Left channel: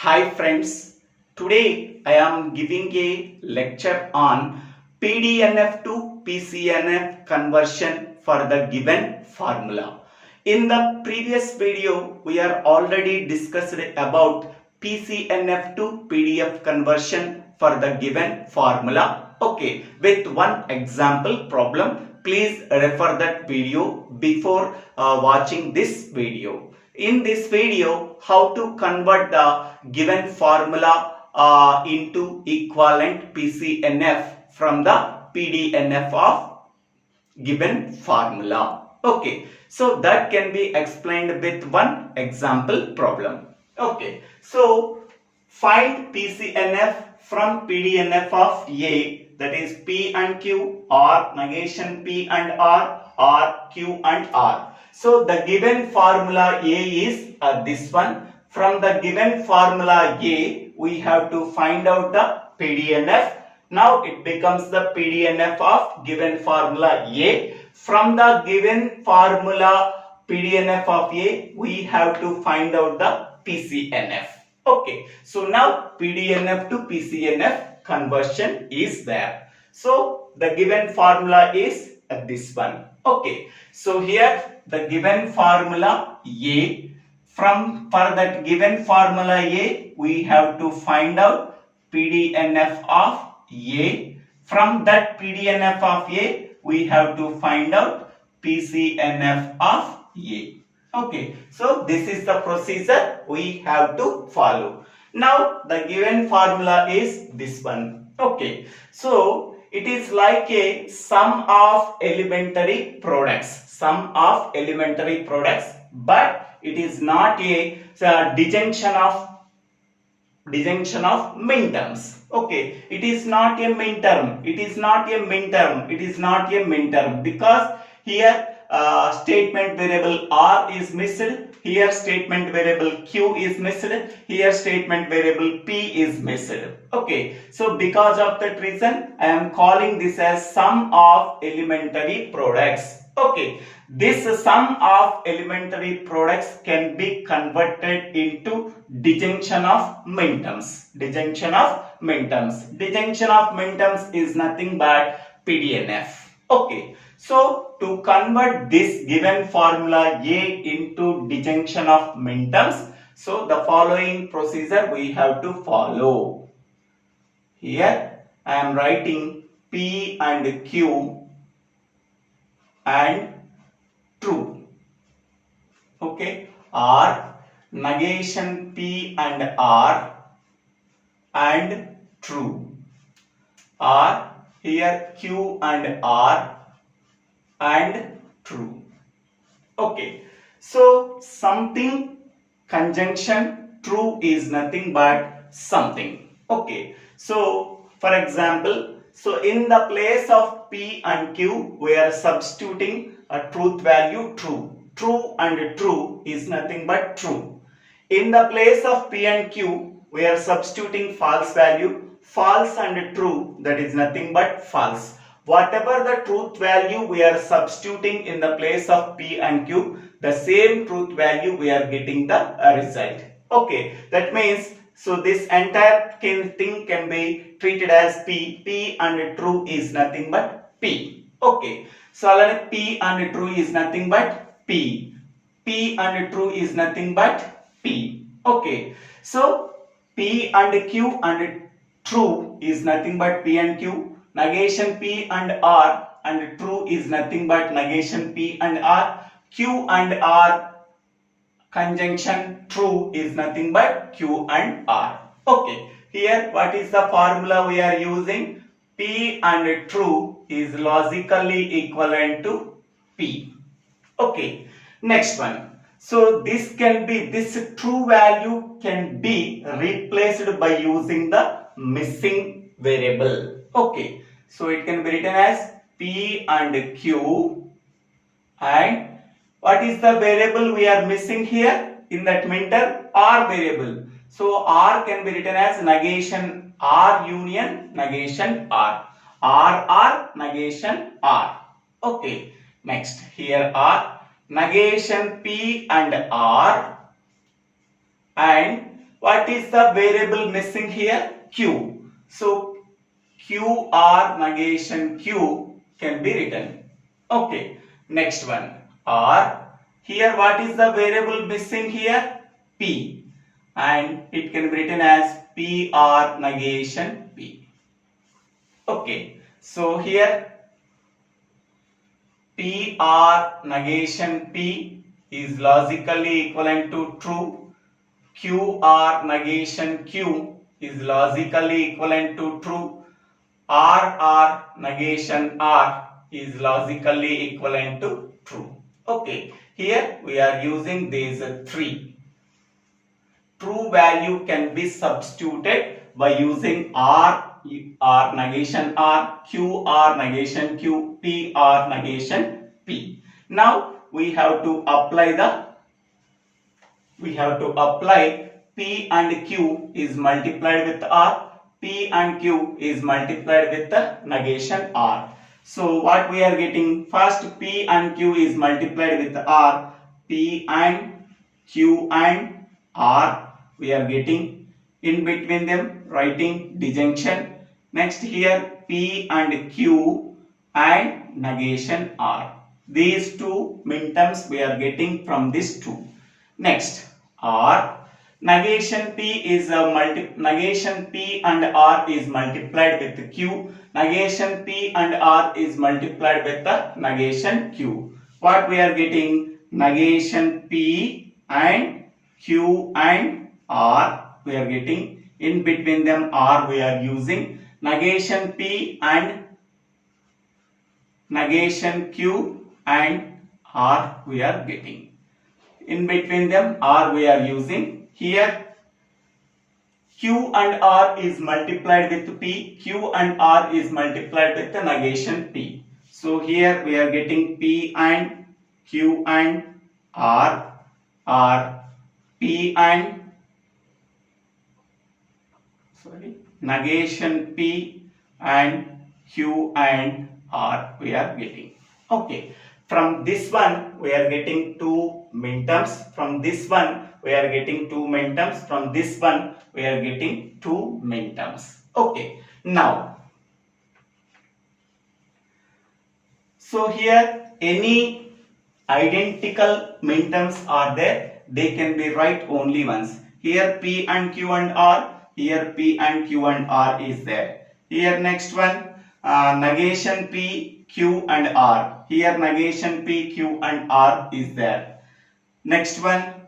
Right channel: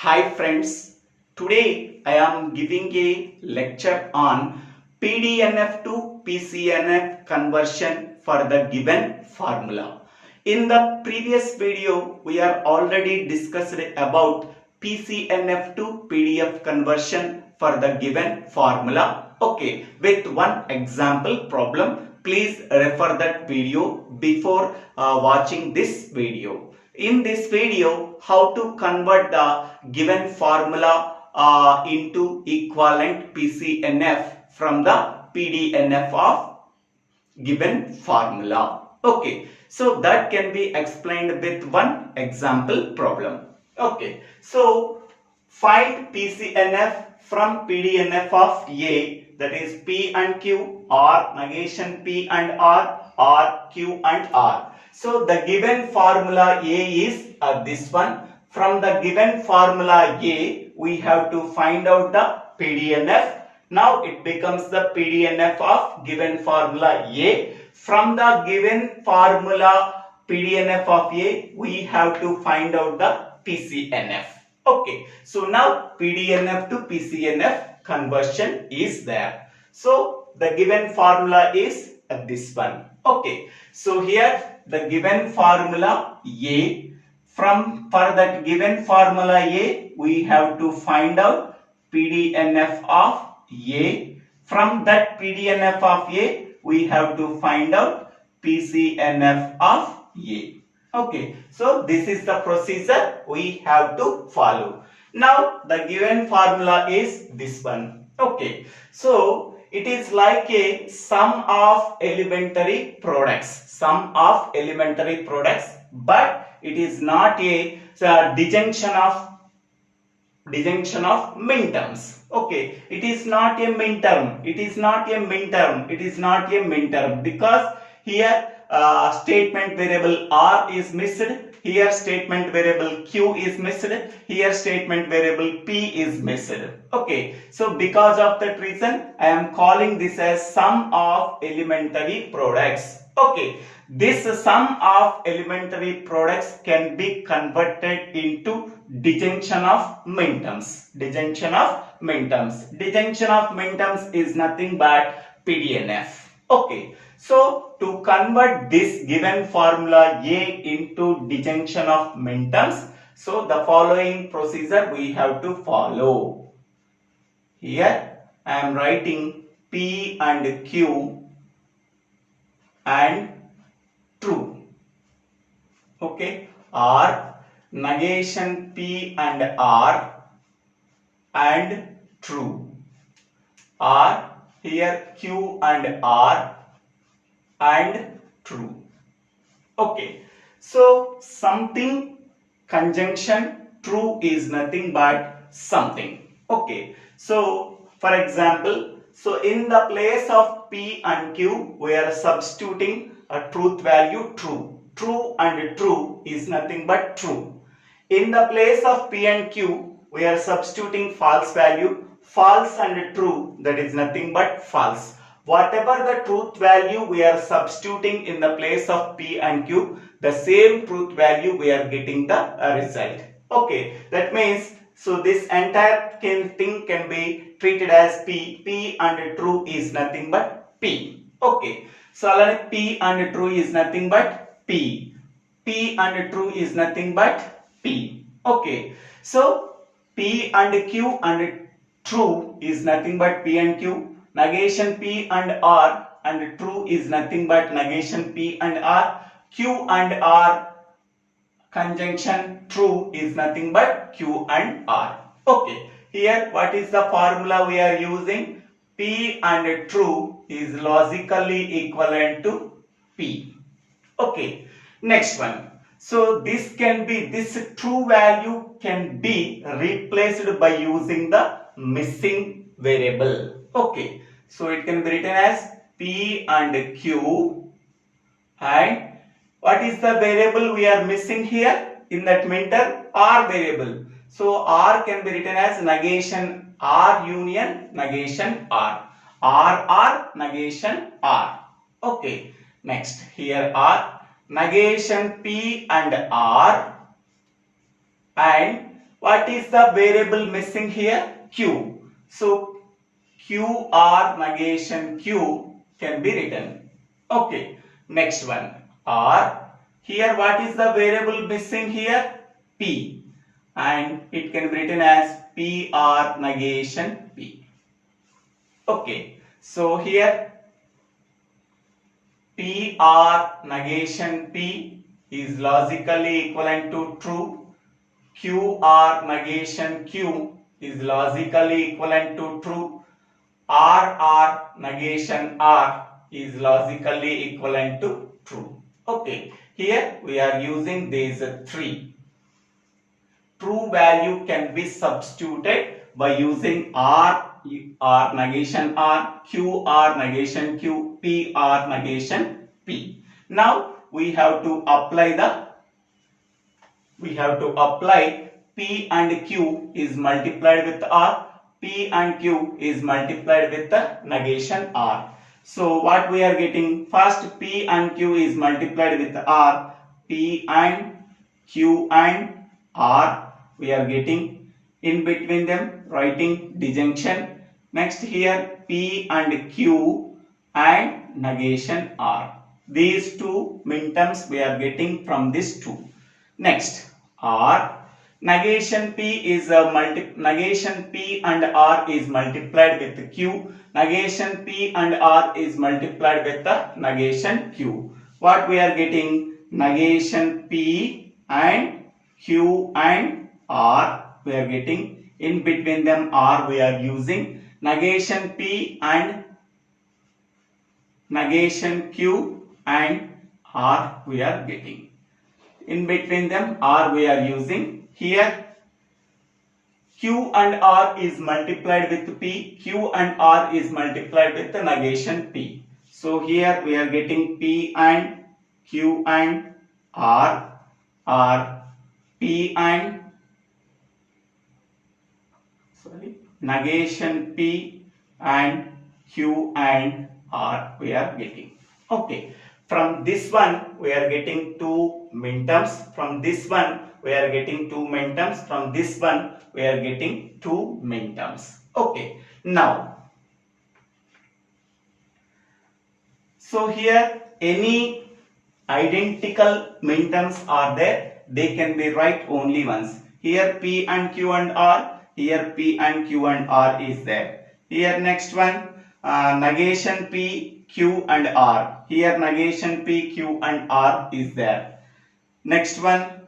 Hi friends, today I am giving a lecture on PDNF to PCNF conversion for the given formula. In the previous video, we are already discussed about PCNF to PDF conversion for the given formula. Okay, with one example problem. Please refer that video before watching this video. In this video, how to convert the given formula into equivalent PCNF from the PDNF of given formula. Okay, so that can be explained with one example problem. Okay, so find PCNF from PDNF of A, that is P and Q, or negation P and R, or Q and R. So the given formula A is this one. From the given formula A, we have to find out the PDNF. Now it becomes the PDNF of given formula A. From the given formula PDNF of A, we have to find out the PCNF. Okay, so now PDNF to PCNF conversion is there. So the given formula is this one. Okay, so here the given formula A. For that given formula A, we have to find out PDNF of A. From that PDNF of A, we have to find out PCNF of A. Okay, so this is the procedure we have to follow. Now the given formula is this one. Okay, so it is like a sum of elementary products. Sum of elementary products, but it is not a disjunction of minterms. Okay, it is not a minterm. It is not a minterm. It is not a minterm because here statement variable R is missed. Here statement variable Q is missed. Here statement variable P is missed. Okay, so because of that reason, I am calling this as sum of elementary products. Okay, this sum of elementary products can be converted into disjunction of minterms. Disjunction of minterms. Disjunction of minterms is nothing but PDNF. Okay, so to convert this given formula A into disjunction of minterms, so the following procedure we have to follow. Here I am writing P and Q and true. Okay, or negation P and R and true, or here Q and R and true. Okay, so something conjunction true is nothing but something. Okay, so for example, so in the place of P and Q, we are substituting a truth value true. True and true is nothing but true. In the place of P and Q, we are substituting false value. False and true, that is nothing but false. Whatever the truth value we are substituting in the place of P and Q, the same truth value we are getting the result. Okay, that means so this entire thing can be treated as P. P and true is nothing but P. Okay, so P and true is nothing but P. P and true is nothing but P. Okay, so P and Q and true is nothing but P and Q. Negation P and R and true is nothing but negation P and R. Q and R conjunction true is nothing but Q and R. Okay, here what is the formula we are using? P and true is logically equivalent to P. Okay, next one. So this true value can be replaced by using the missing variable. Okay, so it can be written as P and Q, and what is the variable we are missing here in that minter? R variable. So R can be written as negation R union negation R. R negation R. Okay, next here R negation P and R and What is the variable missing here? Q. So QR negation Q can be written. Okay. Next one. R. Here what is the variable missing here? P. And it can be written as PR negation P. Okay. So here PR negation P is logically equivalent to true. QR negation Q is logically equivalent to true. RR negation R is logically equivalent to true. Okay, here we are using these three. True value can be substituted by using R negation R, QR negation Q, PR negation P. Now we have to apply P and Q is multiplied with R, P and Q is multiplied with the negation R. So what we are getting, first P and Q is multiplied with R, P and Q and R we are getting, in between them writing disjunction. Next here P and Q and negation R. These two minterms we are getting from this two. Next R. Negation P is negation P and R is multiplied with Q. Negation P and R is multiplied with the negation Q. What we are getting? Negation P and Q and R we are getting. In between them R we are using. Negation P and negation Q and R we are getting. In between them R we are using. Here Q and R is multiplied with P. Q and R is multiplied with the negation P. So here we are getting P and Q and R P and negation P and Q and R we are getting. Okay. From this one we are getting two minterms. From this one we are getting two minterms. From this one we are getting two minterms. Okay. Now, so here any identical minterms are there, they can be write only once. Here P and Q and R, here P and Q and R is there. Here next one negation P, Q and R. Here negation P, Q and R is there. Next one,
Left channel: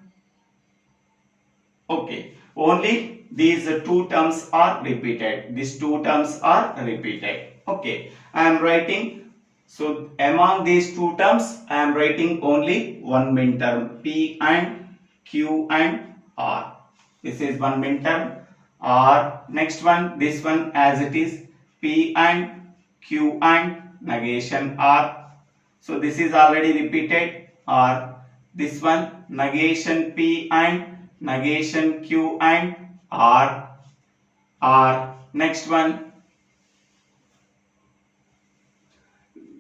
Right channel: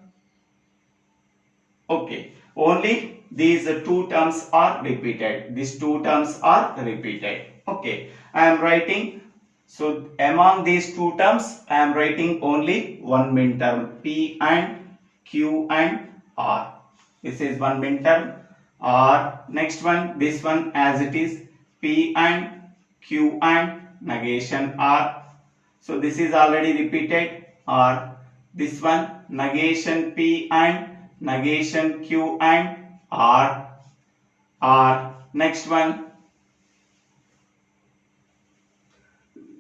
okay, only these two terms are repeated. These two terms are repeated. Okay, I am writing. So among these two terms, I am writing only one minterm, P and Q and R. This is one minterm. R. Next one, this one as it is, P and Q and negation R. So this is already repeated. R. This one negation P and negation Q and R. Next one,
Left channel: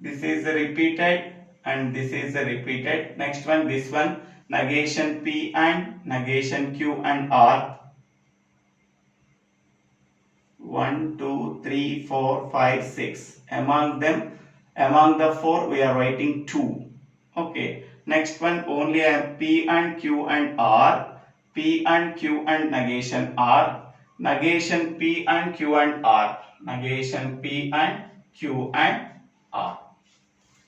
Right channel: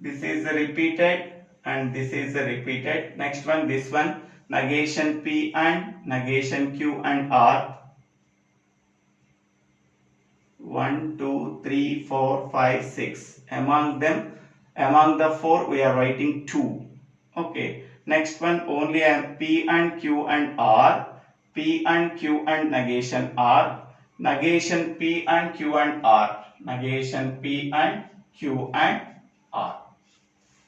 this is repeated and this is repeated. Next one, this one negation P and negation Q and R. 1, 2, 3, 4, 5, 6. Among them, among the four, we are writing 2. Okay. Next one, only P and Q and R. P and Q and negation R. Negation P and Q and R. Negation P and Q and R.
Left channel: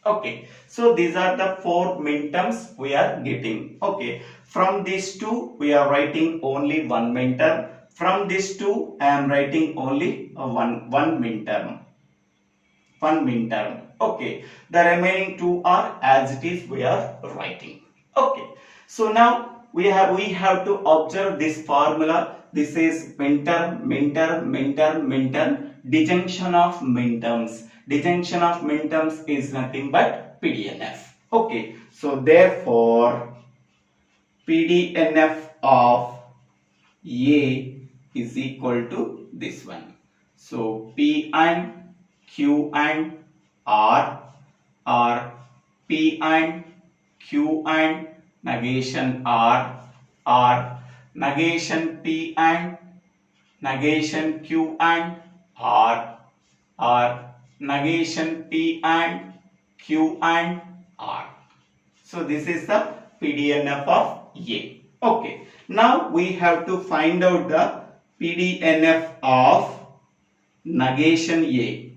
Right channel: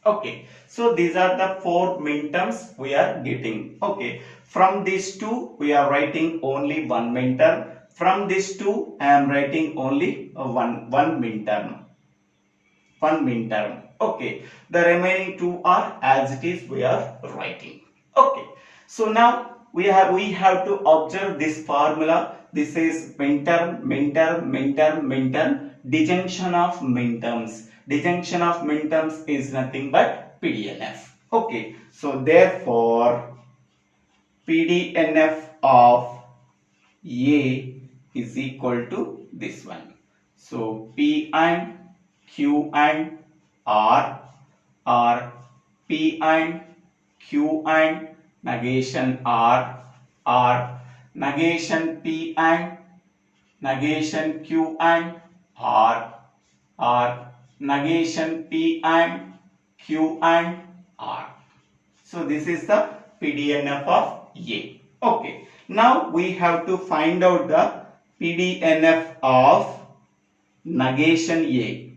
Okay. So these are the four minterms we are getting. Okay. From these two, we are writing only one minterm. From these two, I am writing only one minterm. One minterm. Okay. The remaining two are as it is we are writing. Okay. So now we have to observe this formula. This is minterm, minterm, minterm, minterm. Disjunction of minterms. Disjunction of minterms is nothing but PDNF. Okay. So therefore, PDNF of A is equal to this one. So P and Q and R are P and Q and negation R. negation P and negation Q and R, or negation P and Q and R. So this is the PDNF of A. Okay. Now we have to find out the PDNF of negation A.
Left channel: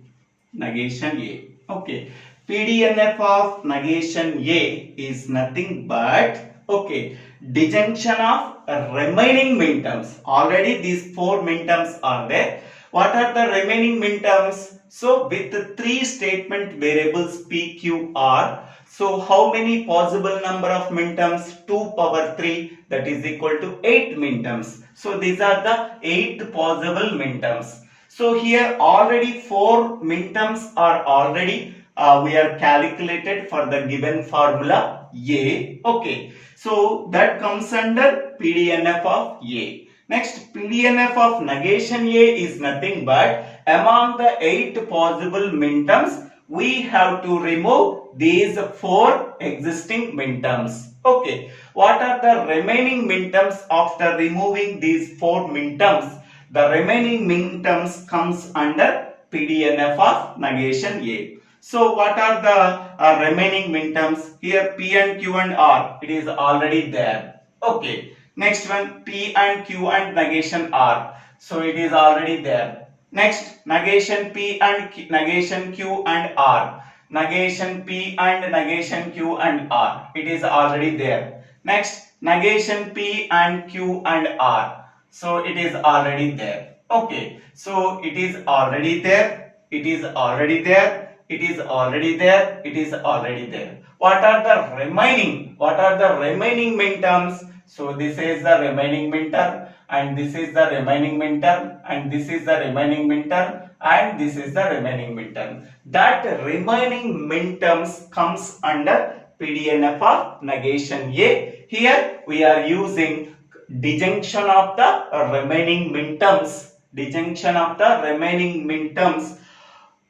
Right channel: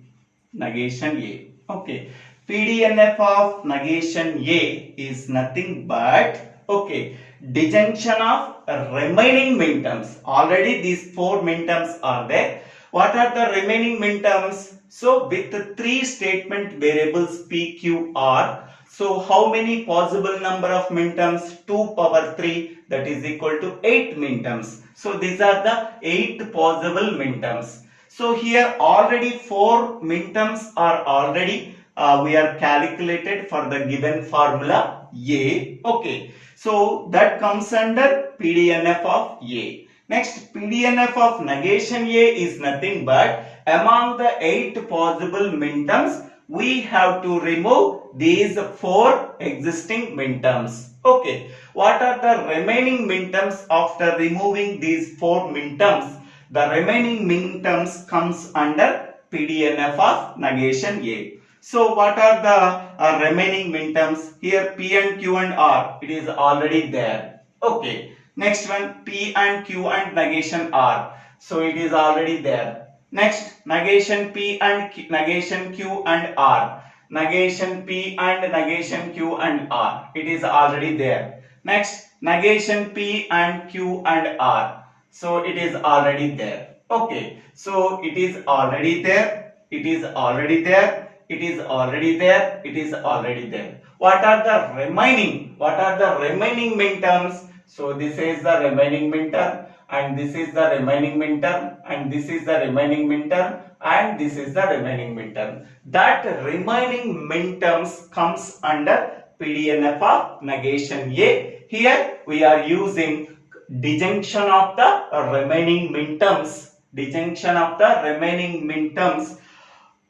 Negation A. Okay. PDNF of negation A is nothing but, okay, disjunction of remaining minterms. Already these 4 minterms are there. What are the remaining minterms? So with 3 statement variables P, Q, R, so how many possible number of minterms? 2 power 3, that is equal to 8 minterms. So these are the 8 possible minterms. So here already 4 minterms are already we are calculated for the given formula A. Okay. So that comes under PDNF of A. Next, PDNF of negation A is nothing but among the 8 possible minterms, we have to remove these 4 existing minterms. Okay. What are the remaining minterms after removing these 4 minterms? The remaining minterms comes under PDNF of negation A. So what are the remaining minterms? Here P and Q and R, it is already there. Okay. Next one, P and Q and negation R. So it is already there. Next, negation P and negation Q and R. Negation P and negation Q and R. It is already there. Next, negation P and Q and R. So it is already there. Okay. So it is already there. It is already there. It is already there. It is already there. What are the remaining? What are the remaining minterms? So this is the remaining minterm, and this is the remaining minterm, and this is the remaining minterm, and this is the remaining minterm. That remaining minterms comes under PDNF of negation A. Here we are using disjunction of the remaining minterms. Disjunction of the remaining minterms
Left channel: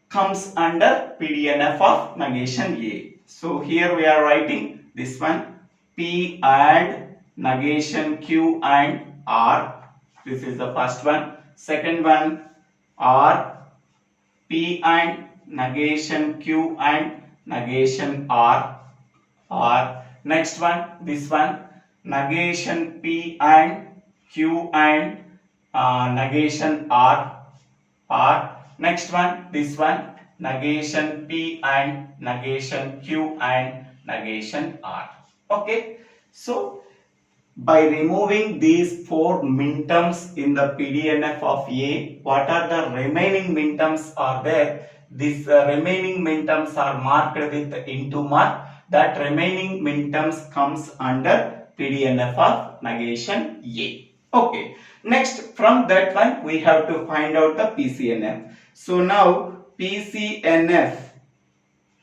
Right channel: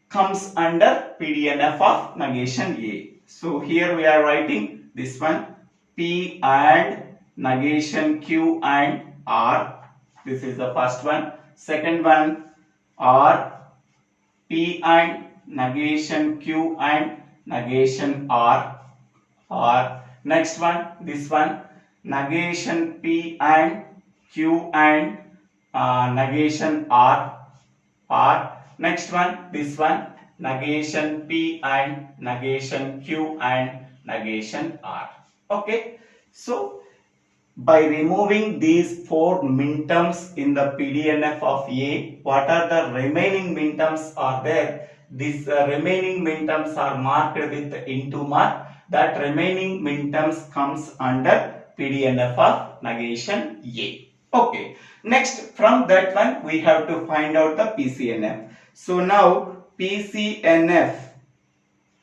comes under PDNF of negation A. So here we are writing this one, P and negation Q and R. This is the first one. Second one, R, P and negation Q and negation R. R. Next one, this one, negation P and Q and negation R. R. Next one, this one, negation P and negation Q and negation R. Okay. So by removing these 4 minterms in the PDNF of A, what are the remaining minterms are there? These remaining minterms are marked with into mark. That remaining minterms comes under PDNF of negation A. Okay. Next, from that one we have to find out the PCNF. So now PCNF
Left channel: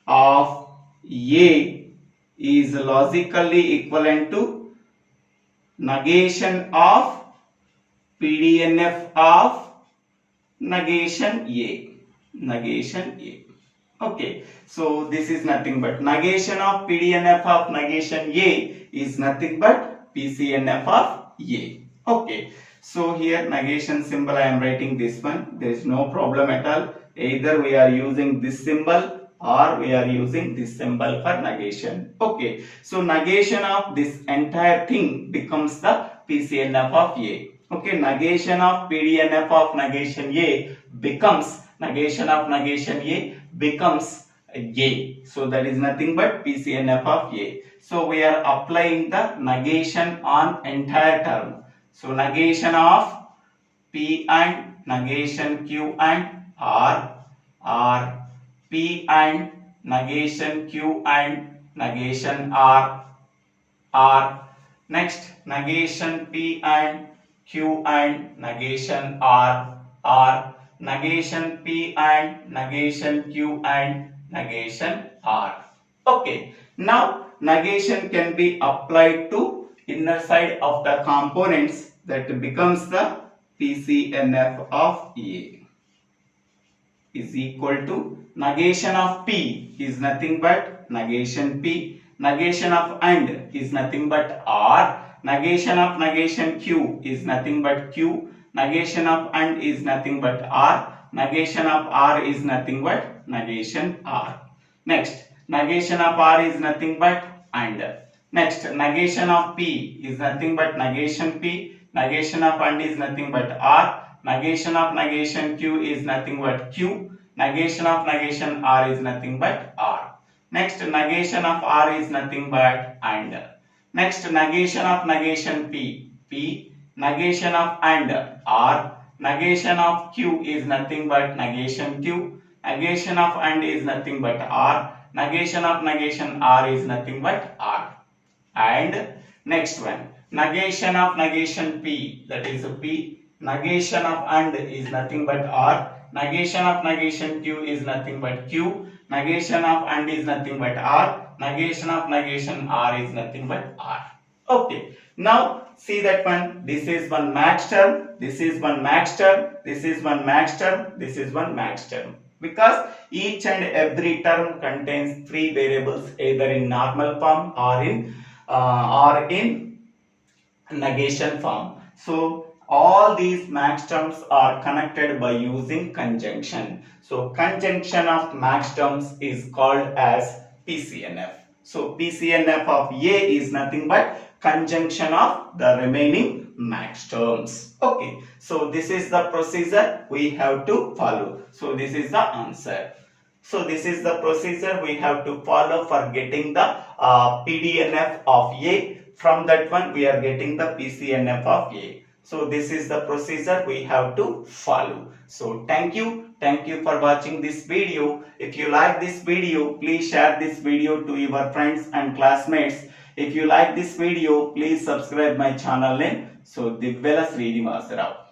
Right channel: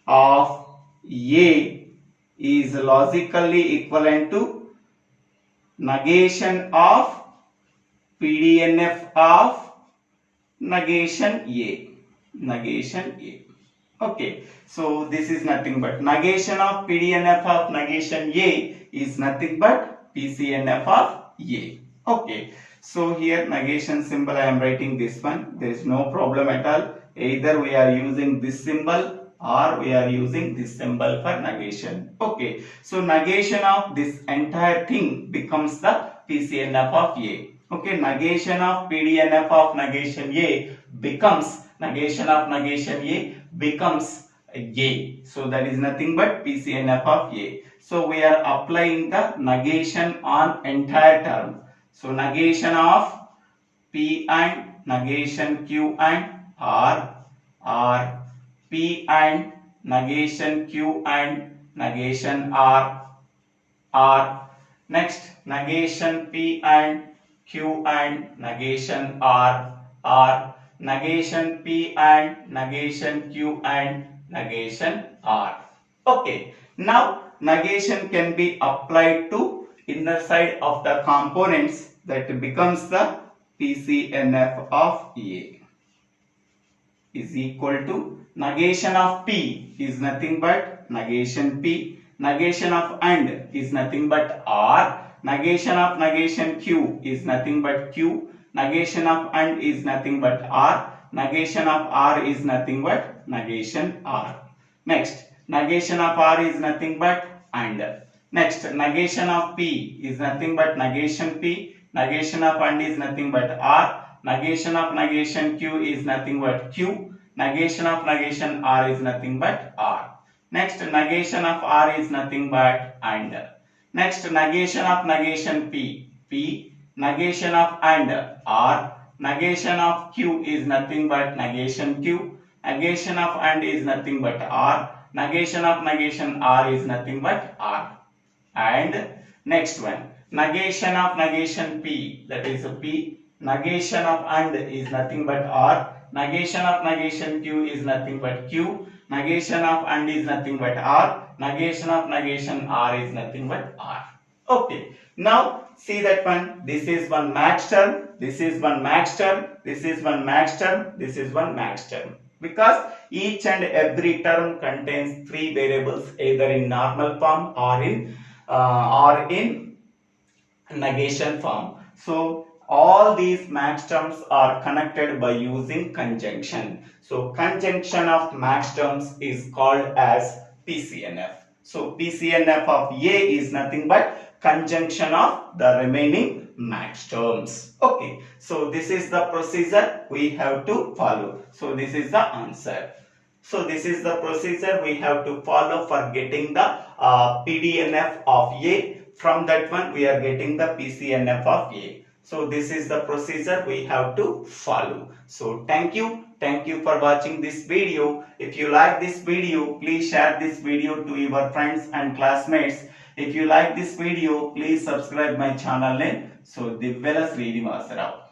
of A is logically equivalent to negation of PDNF of negation A. Negation A. Okay. So this is nothing but negation of PDNF of negation A is nothing but PCNF of A. Okay. So here negation symbol I am writing this one. There is no problem at all. Either we are using this symbol or we are using this symbol for negation. Okay. So negation of this entire thing becomes the PCNF of A. Okay. Negation of PDNF of negation A becomes negation of negation A becomes A. So that is nothing but PCNF of A. So we are applying the negation on entire term. So negation of P and negation Q and R, or P and negation Q and negation R, R. Next, negation P and Q and negation R, R. Negation P and negation Q and negation R. Okay. Now negation can be applied to inner side of the components, that becomes the PCNF of A is equal to negation of P is nothing but negation P, negation of AND is nothing but R, Negation of negation Q is nothing but Q. Negation of AND is nothing but R. Negation of R is nothing but negation R. Next, negation of R is nothing but AND. Next, negation of P is nothing but negation P. Negation of AND is nothing but R. Negation of negation Q is nothing but Q. Negation of negation R is nothing but R. Next, negation of R is nothing but AND. Next, negation of negation P. P. Negation of AND R. Negation of Q is nothing but negation Q. Negation of AND is nothing but R. Negation of negation R is nothing but R. And next one, negation of negation P, that is P. Negation of AND is nothing but R. Negation of negation Q is nothing but Q. Negation of AND is nothing but R. Negation of negation R is nothing but R. Okay. Now see that one. This is one max term. This is one max term. This is one max term. This is one max term. Because each and every term contains three variables, either in normal form or in negation form. So all these max terms are connected by using conjunction. So conjunction of max terms is called as PCNF. So PCNF of A is nothing but conjunction of the remaining max terms. Okay. So this is the procedure we have to follow. So this is the answer. So this is the procedure we have to follow for getting the PDNF of A. From that one we are getting the PCNF of A. So this is the procedure we have to follow. So thank you. Thank you for watching this video. If you like this video, please share this video to your friends and classmates. If you like this video, please subscribe my channel name. So Divvela Srinivasa Rao.